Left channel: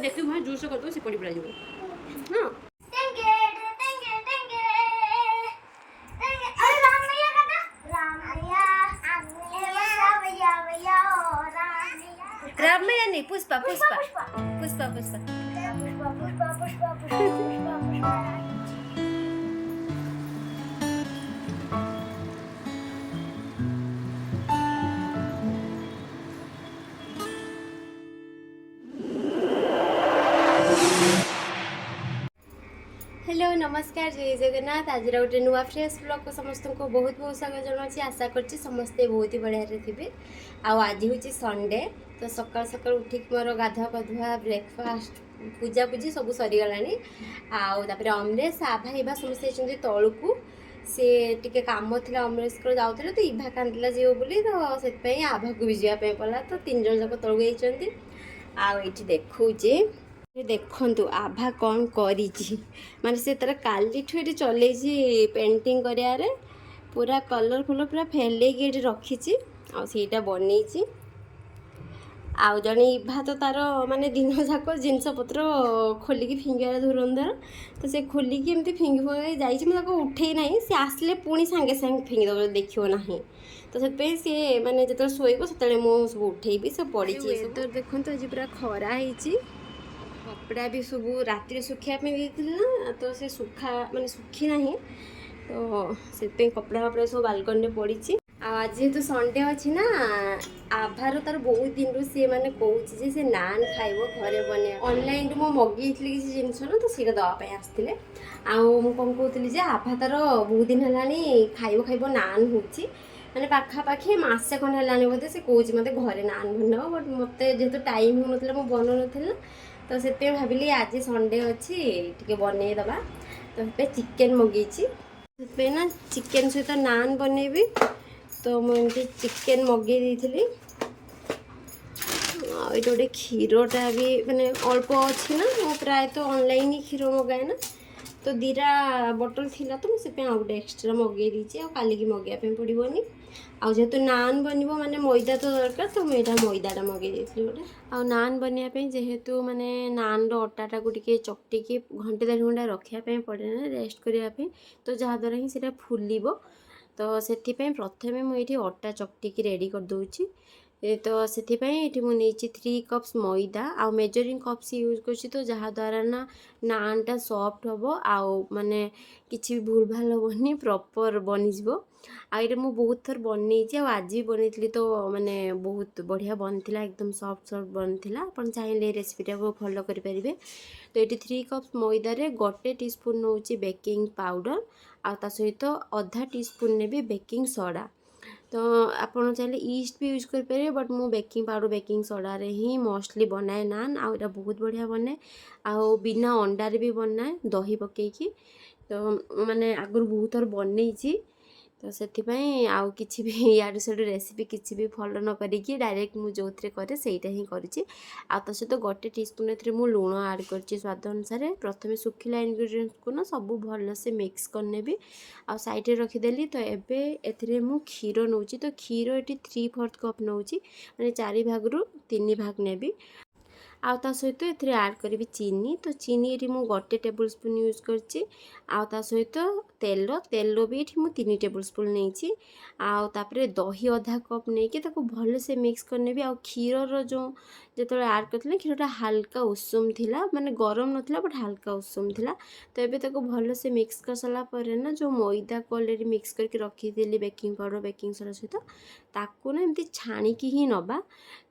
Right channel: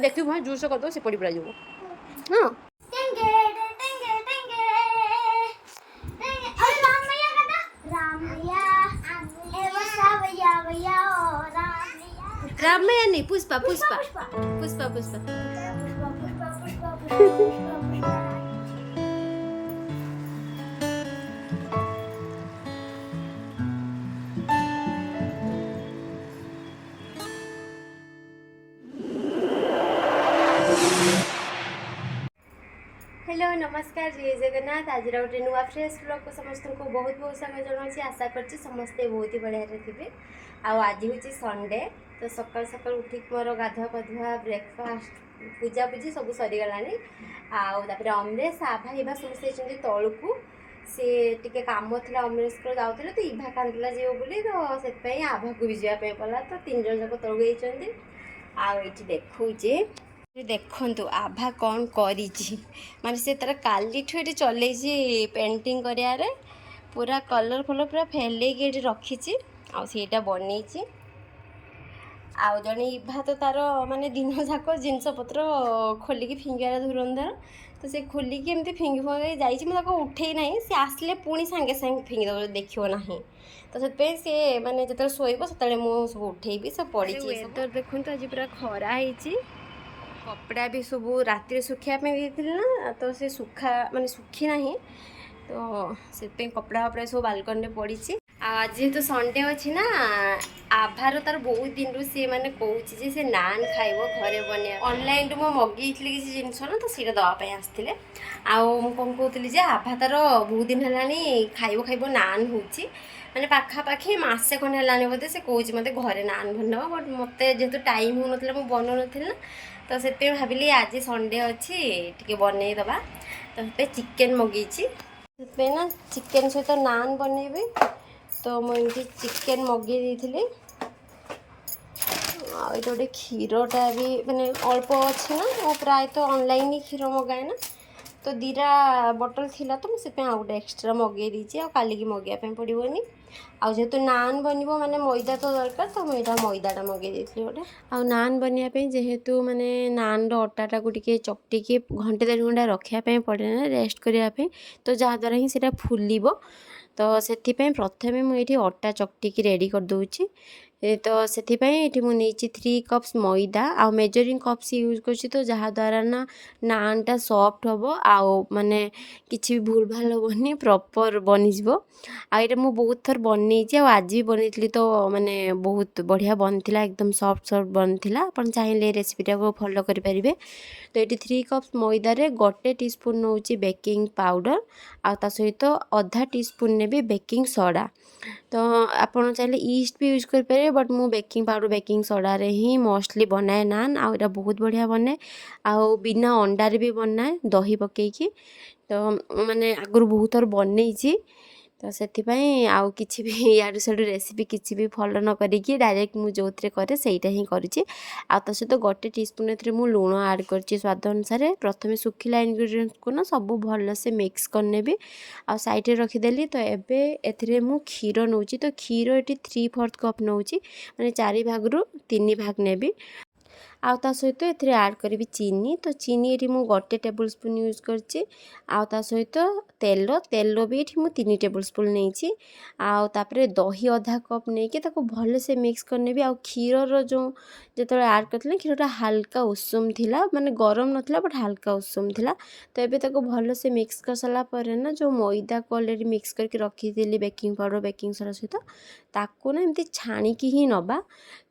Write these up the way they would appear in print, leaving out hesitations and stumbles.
देखिए मैं जूस कर दो से पड़ी पड़ा जाओ हां रामैया नहीं पुष्पा पुष्पा पुष्पा पुष्पा हेलो नमस्कार जय जगन्नाथ आज गोटे नुआ फ्रेश ब्लॉग को समस्त को बहुत बहुत स्वागत जनाऊँ आशा करছি समस्ते बहुत ही बढ़िया थे आज हूँ संडे तो सकाल सकाल उठिक मोर गाधुआ पाधुआ ब्रेकफास्ट पूजा पूजी सब सरीगलानी आउे अमरेश आभा इभा समस्ते तौक सी टे कम थी अमरेश को जाते तो इभा कांदिला जीव बोली तो से आभा को भी जावाई पड़ा तो 3 जन जाक तौक जाइए आठी देखुचे देखु आभा कौन करी माने से तर काली ये चल पेंटिंग कर पूरा कलर फलर पूरा फेलैक ये रखी आईटा बनई जड़े इभा तो तार माने दिन जाक जिनस पत्र खोलिकी फिंगार धुरंधर तो से खोलिकी एमती फिंगी फिंगी जाइए उठे ना सी आसले पुणी सांगे सांगे फिंगीद देखो ना तो से सी मैंने जो शोब से मुझे सब उठेबी सब पड़ी तो देखो आज पूरा खरा होती कपड़ा भी सब राति सुखापी ना तो से सुखा माने सुखी ना तो से कपड़ा फपड़ा सब बालकनी में पड़ी आज जेहेतु संडे अच्छी ना आभार तार बहुत दिन रू सी मैंने कहूँ से नान खाइब घरे बने ऑनलाइन रू मो मगई किसी जिनस ना तो सीटा दवाई आसते आउँ कौन कहती आभा तार बहुत दिन है खाइब खाइब नान हो मैंने पाखापाखि मसे खंड है बोधे से कौच मत घरे नान बनवा बट मत जेहेतु टाइम हो ना बन ना तो से भाविली आज संडे अच्छी टे बनईदबा तो चिकेन मगई ना चिकेन सहित नान बनईबी तो मुझे चिकेन मगई देती ये गोटे क्षीरटा भी मैंने अल्प अच्छी ना मो प्राय तो ऑनलाइन ही क्षीर मगाए ना तो 2टा बटल थिला तो मुझे गोटे एक्सट्रा मगई देती काली की मगैया पड़ोनी आउ जेहेतु नान बनब माने मैदा तो दरकार तो मुझे मैदाटा मगई देती गोटे आउ नान बनवाई जेहेतु माने नान अटाटा को टे चकटिकी घंटे 1.5 घंटा रखापी पड़े ना रेस्ट करने तो जहाद्वारा ही सीटा फुल तो से प्रथमे मुझे अटा चकटिकी रेडी कर दूची तो से मुझे 3 कप्स मैदा आ मेजरिंग कप्स यूज कर तो जहाद्वारा ना नानटा सॉफ्ट हम आउ माने किसी भी भूल भाल हेनी प्रॉपर बनीज आईटा मुझे बहुत थर बनई आज भी बनई तो माने बहुत बढ़िया बनता एकदम सॉफ्ट सॉफ्ट बनता आप चाहिए रेसिपीटा को फॉलो करें तो ये 3 कप्स मैदारे 1 टीस्पून नौ बेकिंग पाउडर आ सहित आधा टीस्पून ने भी बेकिंग सोडा तो आपन चाहिए ईस्ट भी यूज करें बट मु बेकिंग पाउडर बेकिंग सोडा रे ही मोस्टली बनाए नान आउटा बहुत बढ़िया बनाए आउ बिना अंडारे भी बनाए दही पकईकी तो माने आगुरी बहुत थर बनई तो से आउ किसी भी यार साड़ू रेसिपी किसी भी फॉलो न करी डायरेक्ट मुझे जो थे सहीटा ही करुँची तो सहित 1 टीस्पून मु लुण ऐड कर स्वाद अनुसार प्रथम सुखिला इनग्रेडिएंट्स को ना सब भल से मिक्स करने आ साइड रखीदेली तो एबे मु क्षीर नौ तो क्षीर ये 3/4 कप नौ मैंने 4 भाग 3 भाग नेबी आ सहित ये ऐड करी चीनी तो चीनी ये मुझे 1 टेबल स्पून यूज कर सहित तेल तेल भी ये 3 टेबल स्पून नहीं आउे दही आधा कप नहीं भल से मिक्स करने आ क्षीर जो जो ऐड करते क्षीरटा हाल्का उषुम थिला माने गरम नथिला बट हाल्का उषुम थिला तो ये भल से मिक्स कर सारापर ना जो मैदा को ऑलरेडी मिक्स करके रखी थी बेकिंग पाउडर बेकिंग सोडा सहित ताकू ना एमती छाणिकी ही नबा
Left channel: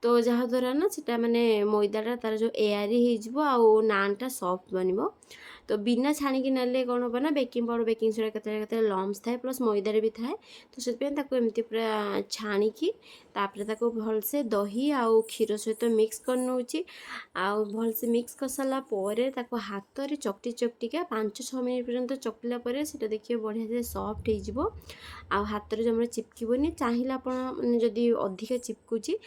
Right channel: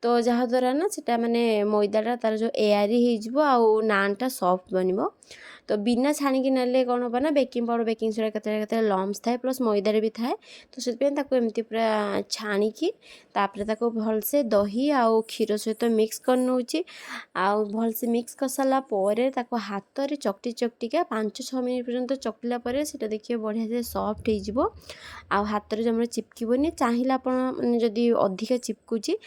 तो जहाद्वारा ना सेटा माने मैदाटा तार जो एयारी हो नानटा सॉफ्ट बनब तो बिना छाणिकी नेले कौन हम ना बेकिंग पाउडर बेकिंग सोडा केते लम्स थाए प्लस मैदारे भी थाए तो से एमती पूरा छाणिकी भल से दही आउ क्षीर सहित मिक्स कर नौची आउ भल से मिक्स कर सारा पर हाथ में चकटी चकटिका 5-6 मिनट पर्यंत चकटिला पर से देखिए बढ़िया से सॉफ्ट हो आ हाथ में जमा चिपकनी चाहिए आप जदि अधिका चिपकुची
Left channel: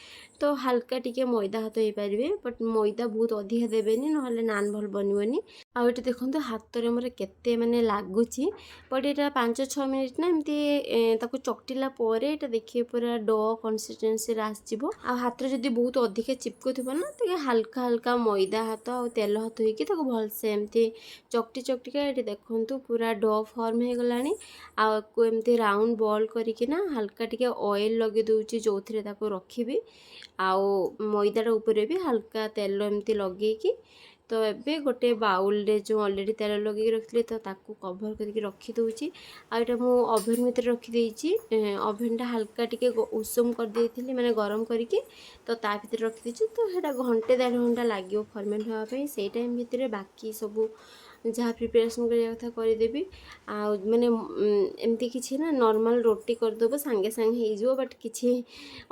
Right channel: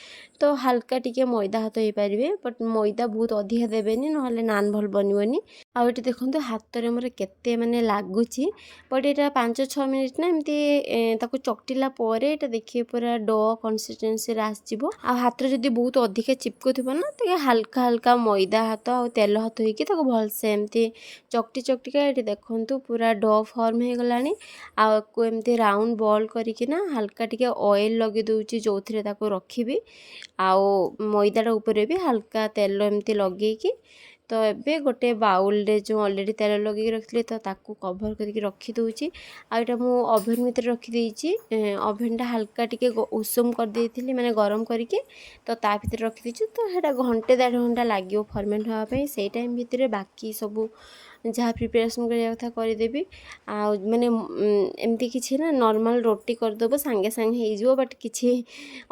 तो हल्का टिके मैदा हाथ हो पारे बट मैदा बहुत अधिका देवेनि ना नान भल बननी आउ ये देखो देखो हाथ में मोर केते माने लगुच बट यहाँ 5-6 मिनिट ना एमती ताको चकटिला ये देखिए पूरा डो कन्सिस्टेन्सी आसो आ हाथ जब बहुत अधिक चिपकु थो ना तो हल्का हल्का मैदा हाथ आ तेल हाथ होगी भलसे एमती चकटी चकटिका ये देखु पूरा डो फॉर्म हो गला आपको एमती राउंड बॉल करके हल्का टिके ऑयल लगे दूची जो थे रखी आउ मैदाटा उपरे भी हल्का तेल एमती लगे तो एबे गोटे बाउल रे जो ऑलरेडी तेल लगे रखी तो ताकू कभर करके रखी दूची आटा मु ओभन भीतर रखी देची ओभनटा हल्का टिके उषुम कर देती माने गरम करके तो ता भीतर रखी देची तो हेटा घंटे 1.5 घंटा लगे फर्मेंट होगा से टाइम भितर बाकी सब जहाँ प्रिपरेसन करिया कथा करदेवी माने एमती किसी ना नॉर्मल रोटी करदेव सांगे सांगे हो बट किसी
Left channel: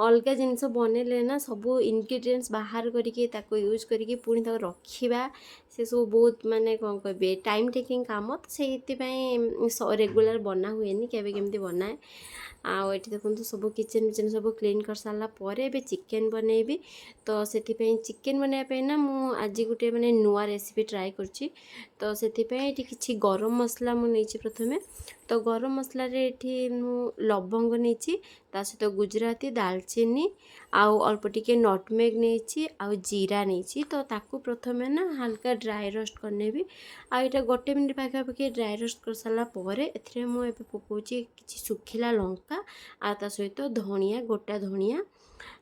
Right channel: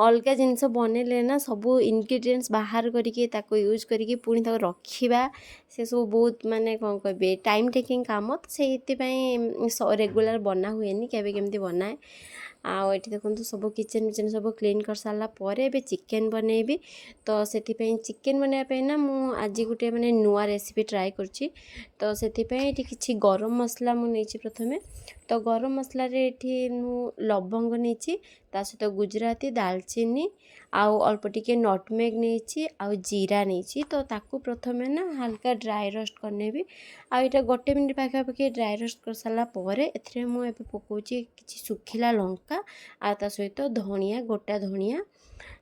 अलग जिनस बनइले ना सब इनग्रेडिएंट्स बाहर करके ताको यूज करके पुणी ताको रखिबा से सब बहुत माने कौन कहे टाइम टेकिंग काम तो से रेगुलर बना हुए केवे केमती बनाए आउ ये देखो सब किचन विचन सब क्लीन कर सारा पर ए चिकेन बनैबी तो से चिकेन बनवाई ना मु आज गोटे माने नुआ रेसिपी ट्राए करची तो से किसी गरम मसला मुझे प्रथमे तो गरम मसला ये लवंग नहीं सहित गुजराती दालचीनी आउ अल्प टिके नटमेग नहीं आउ जीरा नहीं तो ताकू प्रथमे ना हल्का ड्राई रोस्ट करने भी आईटा गोटे मिनिट पाखापाखि ड्राई रोस्ट कर सारा पर ए मुझे पकाउची कि सुखिला लंका आ सहित धनिया गोटा धनिया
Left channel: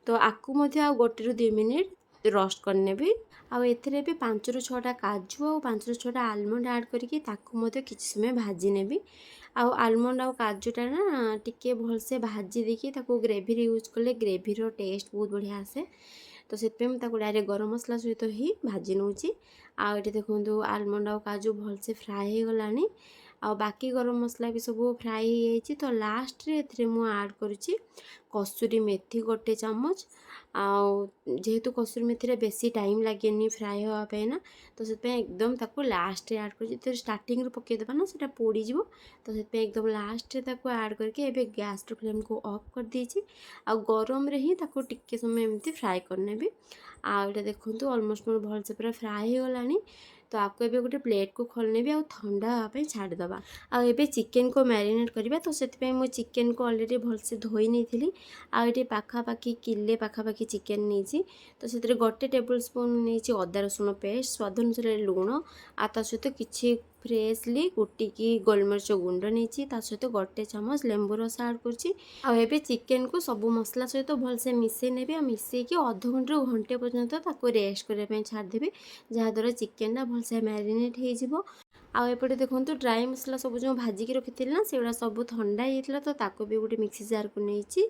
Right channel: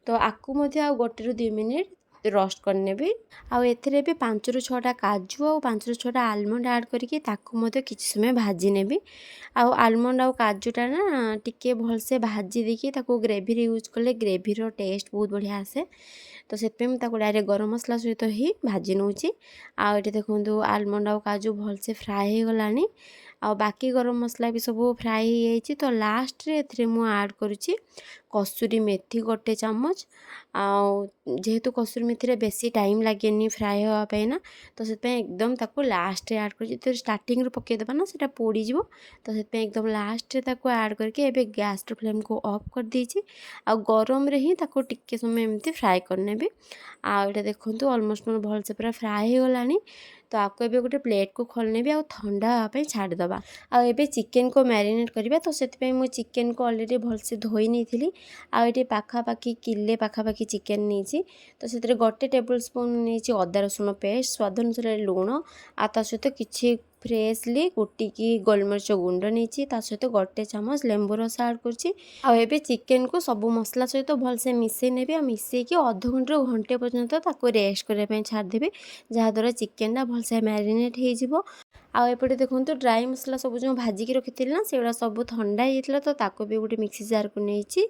तो आपको आ गोटे रू 2 मिनिट रोस्ट करने भी आउ एथिरे भी 5 ରୁ 6टा काजू और 5 ରୁ 6टा आलमंड ऐड करके ताकू किसी समय भाजी नेबी आउ आलमंड आउ काजूटा ना टिके भलसे भाजी देकी ताकू ग्रेवी यूज कले ग्रेवीर टेस्ट बहुत बढ़िया आसे तो से डायरेक्ट गरम मसला सहित ही भाजी नौची आटे देखो आलमंड आउ काजू भलसे फ्राए हो गलानी आ बाकी गरम मसला भी सब फ्राए हो जाइए तो लास्ट रे एथिरे मु ऐड करुच्ची कसूरी मेथी गोटे चम्मच जेहेतु कसूरी मेथी बेसी टाइम लगे फ्राए होगापाई ना तो से एकदम ताको लास्ट ऐड कर स्टार्टिंग रू पकईदेवा ना से पोड़ीज तो से एकदम लास्ट ऐड करके एबे गैस फ्लेम को ऑफ कर दीजिए आ गरम रे ही ताको टिके समय एमती फ्राए करने भी आटे देखो ऑलमोस्ट मोर भल से पूरा फ्राए हो गलानी तो आपको एबे गोटे प्लेट को खोलने भी आ ठंडा हाँपाई छाड़देवा आबे चिकेन को मैरिनेट करवा तो से मु चिकेन को ऑलरेडी भलसे धोई नहीं थी आटे पाखापाखि किले पाखापाखि चिकेन नहीं तो से गोटे टेबल स्पून नहीं अदा रसुण पेस्ट स्वाद अनुसार लुण आ सहित किसी फ्रेशली कुटिकी गोलमरिच गुंड नहीं सहित गोटे चामच लेंबू रस ऐड कर चिकेन को सब मसला सहित भलसे मिसई नेबी आ मिसईकी अध घंटे रू घंटे पर्यंत ताको रेस्ट करने छाड़देवी जहाँद्वारा चिकेनटा भलसे मैरिनेट हो आउपटे देखो ड्राई मसला सब जो भाजिकी रखी ना से सब ठंडा होता तो ताको भी गोटे मिक्सी जार को नहीं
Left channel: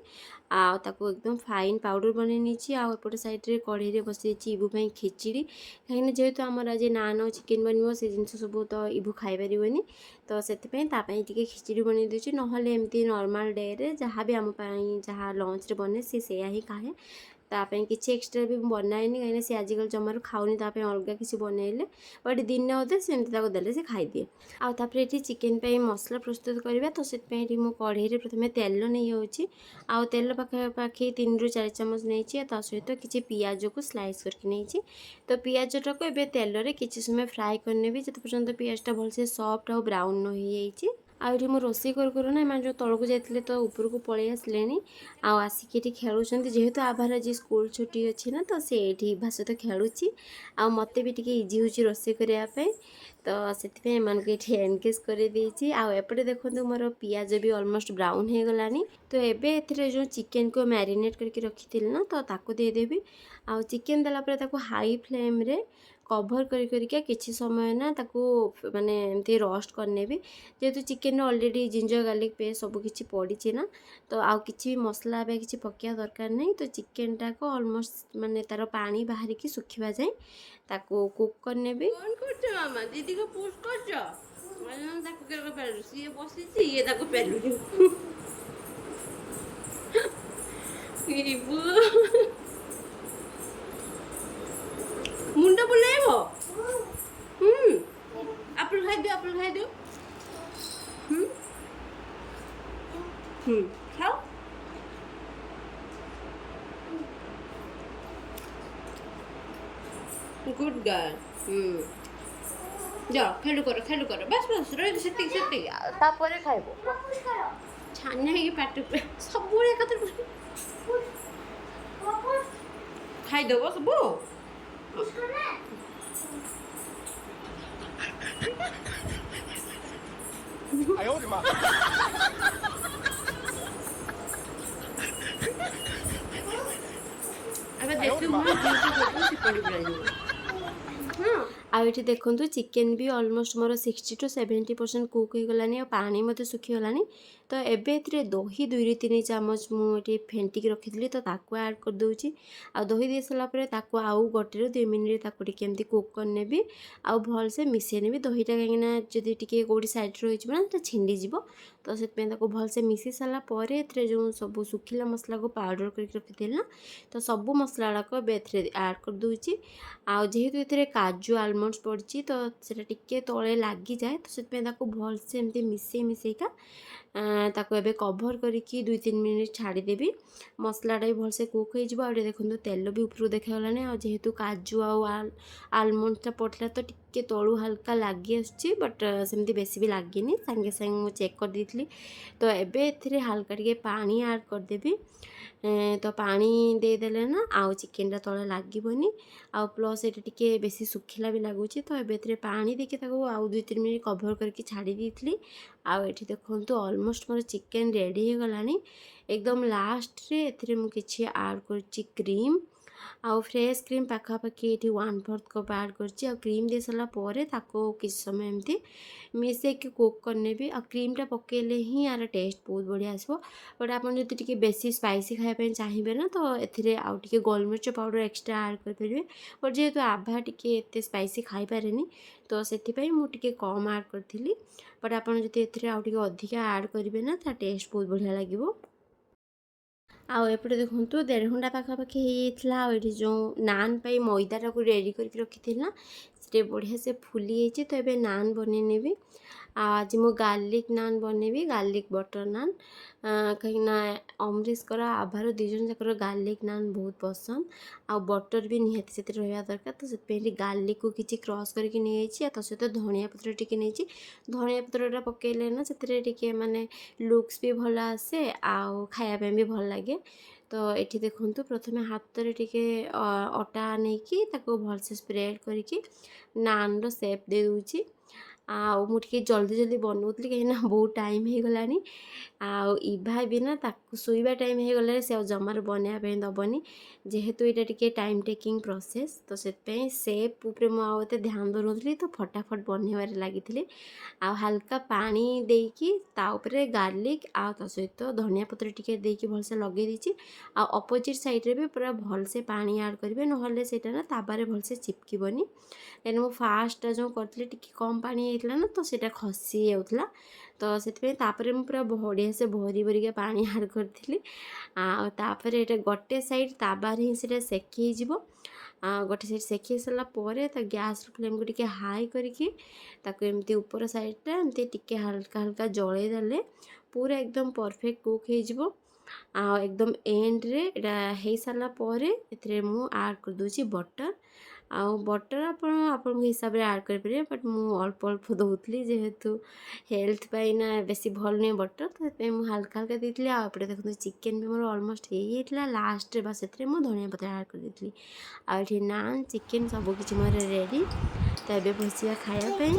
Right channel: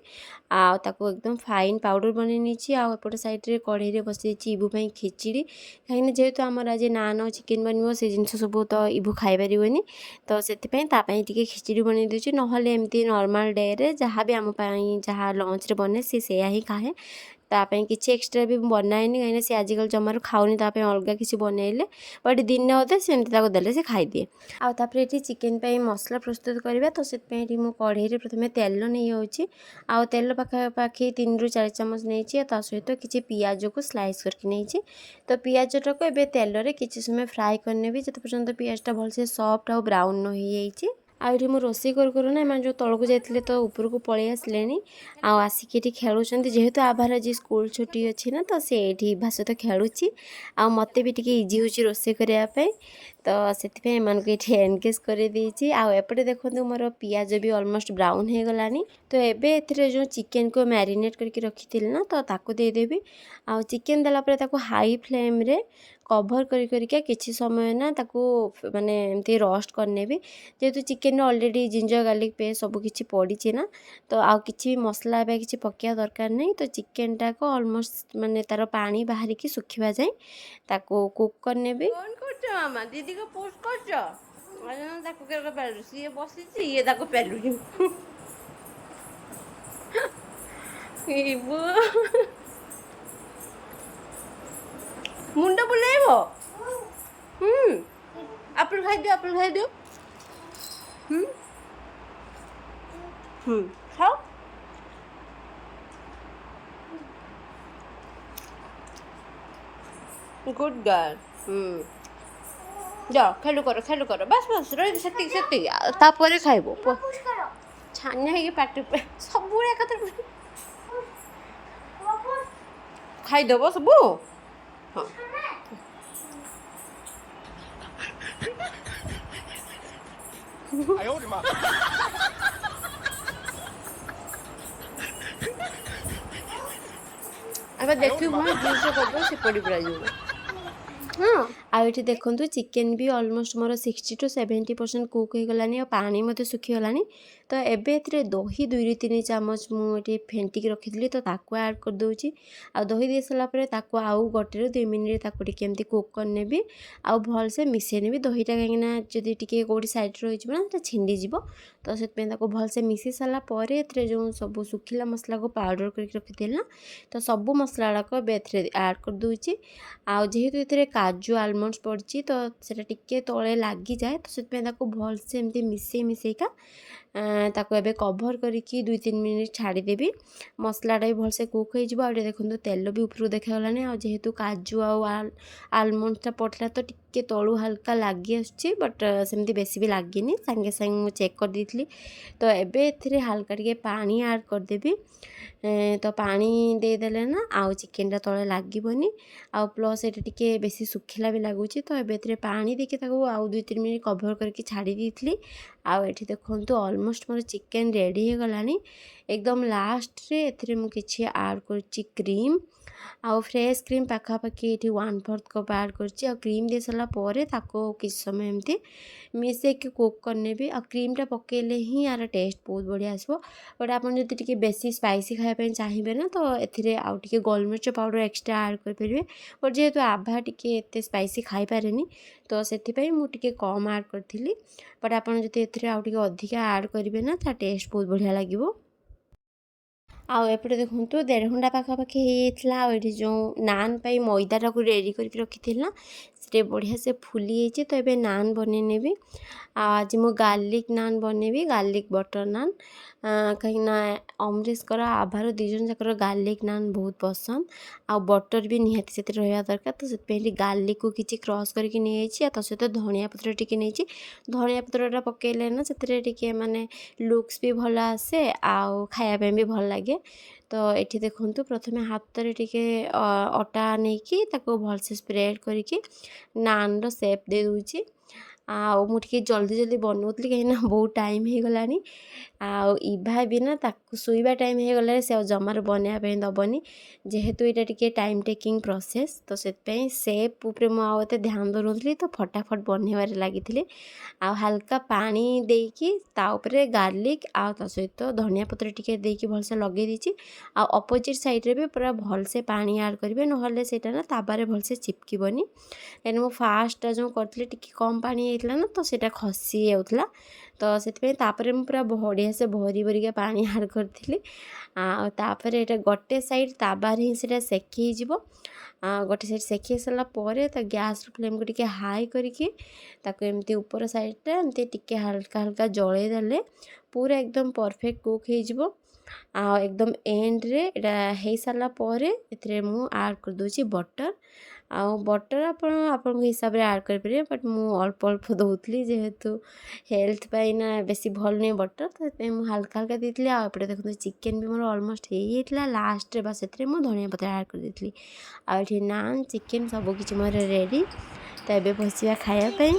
ताको एकदम फाइन पाउडर बन नहीं आउपटे साइड कढ़ई बसई इबू खिचड़ी कहीं जेहेतु आमर आज नान और चिकेन बन से जिन सब तो इबू खाई तो से खिचड़ी बन दूसरी ना एमती नॉर्मल डे रे जहाँ भी आम जहाँ लंच रे बने सी ही खाए तापाई किसी एक्सट्रा भी बनाएनि कहीं सी आजकल जमार खाऊनी तापाई अलग किसी बनइले बट दिन अधे सेमती देले से खाईदिए आउे ये चिकेन पे मसला प्रस्तुत करवा तो से कढ़ई प्रथम तेल नहीं होची आउ तेल पाखापाखि 3 ରୁ 4 चामच नहीं सहित किसी पियाज को स्लाइस करके नहीं तो पियाजटा को एबे तेल रे किसी समय फ्राए करने भी जिते पर्यंत पियाजटा भलसे सॉफ्ट और ब्राउन हो जाइए आउे मु रोषे करूँ ना एम जो तौक जाते तो ऊपर को पलि आसिले आसिक खेलुं जेहेतु आभार आज स्कूल छुट्टी अच्छी ना तो सी भा सहित खेलुची आ मत भी टी इजी हो रोषे करने तो से एनगेज कर आउे देखो मोर पियाज भी ऑलमोस्ट ब्राउन हो गलानी तो एबे एथिरे जो चिकेन को मैरिनेट करके रखी ना तो ताको देदेवी आ चिकेन देला हाई फ्लेम रे कभर करके किसी समय ना ताको माने एमती रोस्ट करने भी जेहेतु chicken already ginger garlic paste सब किसी पड़ी ना तो आउ किसी भी मसला किसी पकड़ा दरकार नहीं तो चिकेन टा को ऑलमोस्ट माने तार पानी बाहर की सुखिबा जाए ताको कुक करने भी मामा दीदी को पोस्ट मुंडा बुलाइबो एप्पल खाई दियो खाओ गुड गर्ल जाओ खेलु कर बस बस रही से तापर खाइब छानिया है पाट सब खाईदेव सब अब देखिए ଆଉ ଏଠି ଦେଖନ୍ତୁ ଚିକେନ୍ ବି ଅଲମୋଷ୍ଟ ମୋର 60 to 70% କୁକ୍ ହେଇଗଲାଣି ଆଉ ପାଣି ମଧ୍ୟ ଶୁଖିଗଲାଣି ତ ଏବେ ଏଥିରେ ଦହି 2-3 ଚାମଚ ମୁଁ ଏଠି ଫେଣ୍ଟିକି ରଖିଥିଲି ତ ତାକୁ ଆଡ଼୍ କରିଦେଉଛି ଆଉ ଦହି ଦେଇ ସାରିଲା ପରେ ତାକୁ ଆଉ 1-2 ମିନିଟ୍ ତାକୁ ଟିକେ ଏମିତି କୁକ୍ କରିନେବି ଆଉ ଭଲସେ ମିଶାଇ ନେବି ଦହିଟା କାହିଁକିନା ଯଦି ଟିକେ କେଉଁଠି ସାଇଡ଼୍ ରହିଯିବ ନା ତ ଛିଣ୍ଡିଯିବ ତ ସେଥିପାଇଁ ତାକୁ ଭଲସେ ମିଶାଇ ସାରିଲା ପରେ ଏଥିରେ ଯେଉଁ ସବୁ ଶୁଖିଲା ମସଲାକୁ ପାଉଡ଼ର କରିକି ରଖିଥିଲି ନା ତ ସବୁ ମସଲା ଗୁଡ଼ାକ ଏବେ ଏଥିରେ ଆଡ଼୍ କରିଦେଉଛି ଆଉ ଯେହେତୁ ଏଥିରେ କାଜୁ ଆଲମଣ୍ଡସ୍ ପଡ଼ିଛି ତ ସେଇଟା ଟିକେ ତଳେ ଲାଗିଯାଏ ତ ସେଥିପାଇଁ ତାକୁ ଭଲସେ ଏମିତି ମିଶାଇକା ତାକୁ ଏବେ କଭର୍ କରିକି 2-3 ମିନିଟ୍ ଛାଡ଼ିଦେବି ମସଲାଟା ବି ଭଲସେ କୁକ୍ ହେଇଯିବ ଆଉ ଟିକେ ଦେଖନ୍ତୁ ତେଲ ବି ଉପରକୁ ଦେଖାଗଲାଣି ଆଉ ଯେହେତୁ କାଜୁ ଆଉ ଆଲମଣ୍ଡସ୍ଟା ପଡ଼ିଥିଲା ତ ଟିକେ ତଳୁ ହାଲକା ଲାଗି ଆସୁଛି ବଟ୍ ସେମିତି ବେଶୀ ବି ଲାଗିନି ସାଙ୍ଗେ ସାଙ୍ଗେ ମୁଁ ଚେକ୍ କରିଦେଇଥିଲି ତ ଏବେ ଏଥିରେ ହାଲକା ଟିକେ ପାଣି ଆଡ଼୍ କରିଦେବି ତ ପାଣି ଦେଇଦେଲେ ନା ଆଉ ଚିକେନ୍ଟା ତଳେ ଲାଗିବନି ଆଉ ପ୍ଲସ୍ ଏଇଟା ଟିକେ ବେଶୀ ଶୁଖିଲା ବି ଲାଗୁଛି ତ ଏବେ ଏଥିରେ ପାଣି ଦେଇକି ତାକୁ ଆଉ 2-3 ମିନିଟ୍ କଭର୍ କରିକି ଛାଡ଼ି ଦେଇଥିଲି ଆଉ ଏଠି ଦେଖନ୍ତୁ ଅଲମୋଷ୍ଟ ମୋର ଚିକେନ୍ ରେଡ଼ି ହେଇଗଲାଣି ଏକଦମ ଲାଷ୍ଟରେ ଏଥିରେ ମୁଁ କିଛି ଆଡ଼୍ କରୁଛି କ୍ରିମ୍ ଆଉ ଫ୍ରେଶ୍ କ୍ରିମ୍ ପାଖାପାଖି ଏଠି 1/4 କପ୍ ଆଡ଼୍ କରିଛି ଆଉ କ୍ରିମ୍ ଦେଇ ସାରିଲା ପରେ ତାକୁ କିଛି ସମୟ ଏମିତି ମିଶାଇକି କୁକ୍ କରିନେବି ଆଉ କ୍ରିମ୍ଟା ପକାଇଲେ ହିଁ ଆର ଟେଷ୍ଟ ବହୁତ ବଢ଼ିଆ ଆସିବ ବଟ୍ ଆପଣ ଯଦି ଟିକେ ବେଶୀ ସ୍ପାଇସି ଖାଇବା ପାଇଁ ଚାହିଁବେ ନା ତ ଏଥିରେ ଆଉ ଟିକେ ଗୋଲମରିଚ ପାଉଡ଼ର ଏକ୍ସଟ୍ରା ଆଡ଼୍ କରିପାରିବେ ବଟ୍ ଯେହେତୁ ଆଭା ଟିକେ ଏତେ ସ୍ପାଇସି ଖାଇପାରେନି ତ ସେଥିପାଇଁ ମୁଁ ଟିକେ କମ୍ ଆଡ଼୍ କରିଥିଲି ବଟ୍ ଆପଣ ଯଦି ଏଥିରେ ଆଉ ଟିକେ ଅଧିକା ଆଡ଼୍ କରିବେ ନା ତା ଟେଷ୍ଟ ବହୁତ ବଢ଼ିଆ ଲାଗିବ ଆଉ ଏପଟେ ଦେଖନ୍ତୁ 1.5 ଘଣ୍ଟା ପାଖାପାଖି ହେଇଯାଇଥିଲା ଆଉ ଏଠି ଯେଉଁ ନାନ୍ ପାଇଁ ମଇଦାଟାକୁ ରେଡ଼ି କରିକି ରଖିଥିଲି ନା ସେଟା ବଢ଼ିଆ ସେ ଫୁଲି ହେଇଛି ତ ଏବେ ନାନ୍ ବନେଇ ନେବି ଆଉ ଆଜି ମୁଁ ଗାର୍ଲିକ୍ ନାନ୍ ବନେଇବି ଗାର୍ଲିକ୍ ବଟର୍ ନାନ୍ କାହିଁକିନା ଅମରେଶଙ୍କର ଆଭାର 2 ଜଣ ଯାକର ଗାର୍ଲିକ୍ ନାନ୍ ବହୁତ ପସନ୍ଦ ଆଉ ବଟର୍ ବି ନିହାତି ସେଥିରେ ରହିବା ଦରକାର ତ ସେଥିପାଇଁ ଏଠି ଗାର୍ଲିକ୍କୁ କିଛି କ୍ରସ୍ କରିକି ନେଇଯାଇଛି ଆଉ ତା ସହିତ ଧନିଆ ପତ୍ର ଟିକେ ନେଇଛି ଧନିଆ ପତ୍ରଟା ପକାଇଲେ ନା ସେଥିରେ ଟିକେ ମାନେ ଲୁକ୍ସ ବି ଭଲ ଆସେ ଆଉ ଖାଇବା ପାଇଁ ବି ଭଲ ଲାଗେ ତ ଏଠି ଦେଖନ୍ତୁ ପ୍ରଥମେ ହାତରେ ଟିକେ ଅଟା ନେଇକି ତାକୁ ଭଲସେ ସ୍ପ୍ରେଡ୍ କରିକି ନାନ୍ର ସେପ୍ ଦେଇ ଦେଉଛି ଆଉ ମୁଁ ଟିକେ ଜଲ୍ଦି ବନାଉଥିଲି କାହିଁକିନା ବହୁତ ଟାଇମ୍ ହେଇଗଲାଣି ଆଉ ଇଭା ବି ନା ତାକୁ ଶୋଇବା ଟାଇମ୍ ହେଇଗଲାଣି ସେ ଆଉ ଜମାରୁ ବନେଇବା ପାଇଁ ଦେବନି ଯେହେତୁ ଏଇଟା ଟିକେ ଟାଇମ୍ ଟେକିଂ ପ୍ରୋସେସ୍ ତ ସେଥିପାଇଁ ସେପ୍ ଉପରେ ମୁଁ ଆଉ ଏତେ ଧ୍ୟାନ ଦେଉନଥିଲି ତ ଫଟାଫଟ ବନେଇବାରେ ଲାଗିଥିଲି ଆଉ ହାଲକା ପାଣି ଦେଇକି ତା ଉପରେ ଗାର୍ଲିକ୍ ଆଉ ତା ସହିତ ଧନିଆ ପତ୍ର ଟିକେ ଦେଇକି ଭଲସେ ଲଗେଇ ଦେଇଛି ଆଉ ଅପୋଜିଟ୍ ସାଇଡ଼୍ରେ ବି ପୁରା ଭଲସେ ପାଣି ଆଡ଼୍ କରିବେ ନହେଲେ ସେଇଟା ନା ତାବାରେ ଭଲସେ ଚିପକିବନି କାହିଁକିନା ମୁଁ ଫାର୍ଷ୍ଟଟା ଯେଉଁ କରିଥିଲି ଟିକେ କମ୍ ପାଣି ହେଇଥିଲା ନା ତ ସେଇଟା ଖସି ଯାଉଥିଲା ତ ସେଥିପାଇଁ ତାପରେ ମୁଁ ପୁରା ବଢ଼ିଆ ସେ ଭରିକା ପାଣି ଆଡ଼୍ କରିଥିଲି ଆଉ ତାପରେ ଏଇଟା ଗୋଟେ ସାଇଡ଼୍ ତାବାରେ ହିଁ ସେଇଟା ସେକି ହେଇଯିବ ଗୋଟେ ସାଇଡ଼୍ ସେକି ସାରିଲା ପରେ ତା ଗ୍ୟାସ୍ର ଫ୍ଲେମ୍କୁ ଟିକେ ହାଇ କରିକି ତାକୁ ଏମିତି ଉପର ସାଇଡ଼୍ଟା ଏମିତି ଟିକେ ହାଲକା ଜଳେଇ ଦେଲେ ପୁରା ଏକଦମ ପରଫେକ୍ଟ କୁକ୍ ହେଇଯିବ ଆଉ ଏକଦମ ଏଣ୍ଡରେ ଏଇଟା ହେଇସାରିଲା ପରେ ଏଥିରେ ମୁଁ ଆଡ଼୍ କରିଦେଉଛି ବଟର୍ ଆଉ ବଟର୍ ଆପଣ ଆପଣଙ୍କ ହିସାବରେ ଆଡ଼୍ କରିପାରିବେ ବଟ୍ ମୁଁ ଅଳ୍ପ ଦେଉଥିଲି ଯେହେତୁ ହେଲ୍ଥ ପାଇଁ ନା ବେଶୀ ଭଲ ନୁହେଁ ବଟର୍ ତ ସେଥିପାଇଁ ମୁଁ ହାଲକା ଦେଇଥିଲି ଆଉ ଏପଟେ ଦେଖନ୍ତୁ ଚିକେନ୍ ବି ମୋର ଅଲମୋଷ୍ଟ ହେଇଯାଇଥିଲା ଲାଷ୍ଟରେ ବା ସେଥିରେ ମୁଁ ଧନିଆ ପତ୍ର ଆଡ଼୍ କରିଦେଇଥିଲି ଆଉ ଏଠି ନାନ୍ ଚିକେନ୍ ସବୁକିଛି ମୋର ରେଡ଼ି ତ ଏବେ ବସିବା ଖାଇବା ପାଇଁ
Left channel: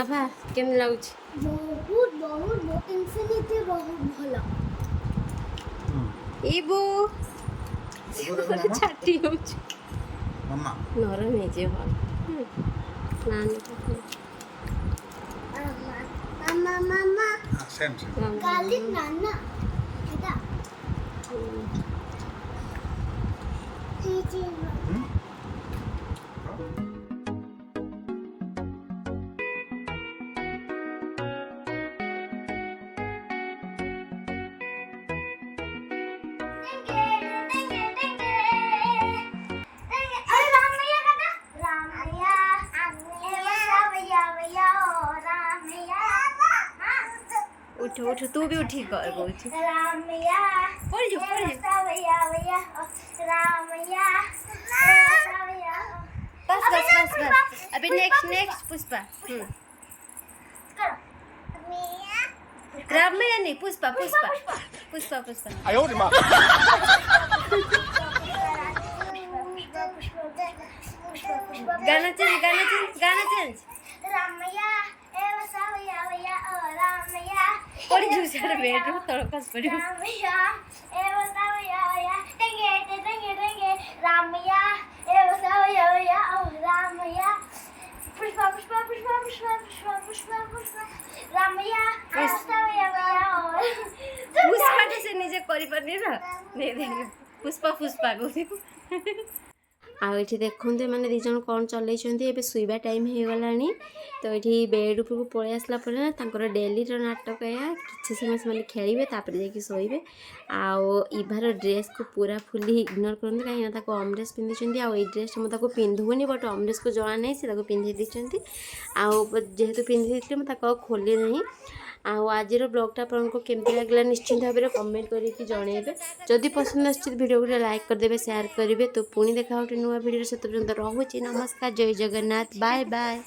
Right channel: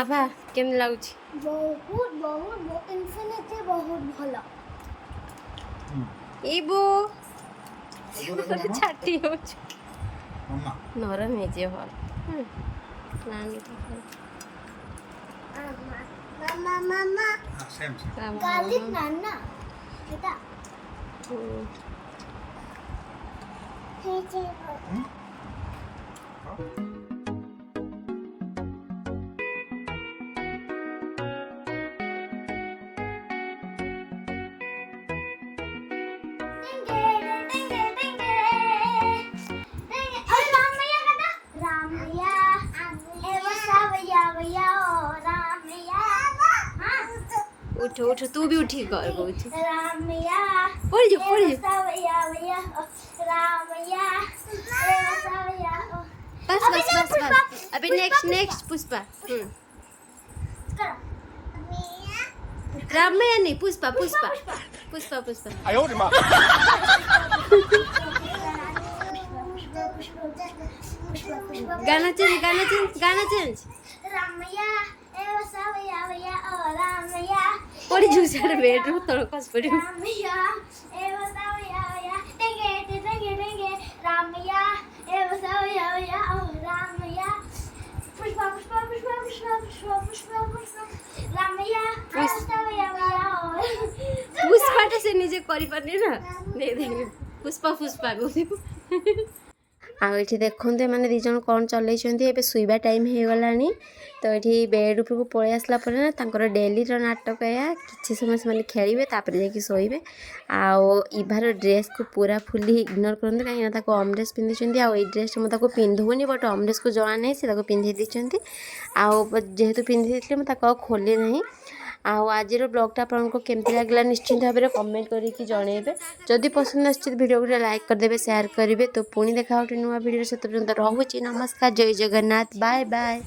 ଆଭା କେମିତି ଲାଗୁଛି ବହୁତ ଇନଫିନିଟି ବହୁତ ଭଲ ଇବୁ ଛାଟି ଯାଉଛି ନରମ ହେଇଯିବ ଭଲ ଗାର୍ଲିକ୍ ନାନ୍ ନା ଏଟା उठ तू भी उठी कर कौच बस बस बस बस अभी नेक्स्ट पुष्पा करो रामैया नहीं पुष्पा पुष्पा पुष्पा पुष्पा गाना चेंज रामैया ए वसावया वया ओ रामैया पड़ी जुसार बेडरूम तळ कस पड़ी रामैया ए वसावया वया टेंगे रामैया ए वसावया वया ओ रामैया पुष्पा पुष्पा पुष्पा पुष्पा पुष्पा पुष्पा पुष्पा रामैया ए वसावया वया ओ पुष्पा तो से निजे करि पानी ना दे पुष्पा पुष्पा को आठी देखते मैंने दीज कौन चल शुवा टाइम हो गला तो ये बेड उपरको पलि आसला ना डेली नाटक या कि समय से खेलेंगे तापर जाकि शोबे आवार ड्रेस को पूरा फुली इग्नोर करते कहीं अमरेस पिंधि ड्रेस मुझे पिंधुनी बट अमरेस को जना नहीं से पिंधि देते जेहेतु पिंधि मुझे खोली ना आज ब्लॉगटा आपको केमती लगे निश्चिंत भाव में कमेंट करके जनइबे जदि पसंद आसुच्छी वीडियो को लाइक करदे शेयर करेंगे तो पुणी देखा गोटे नुआ वीडियो से रोचे नमस्कार जय जगन्नाथ बाय बाय।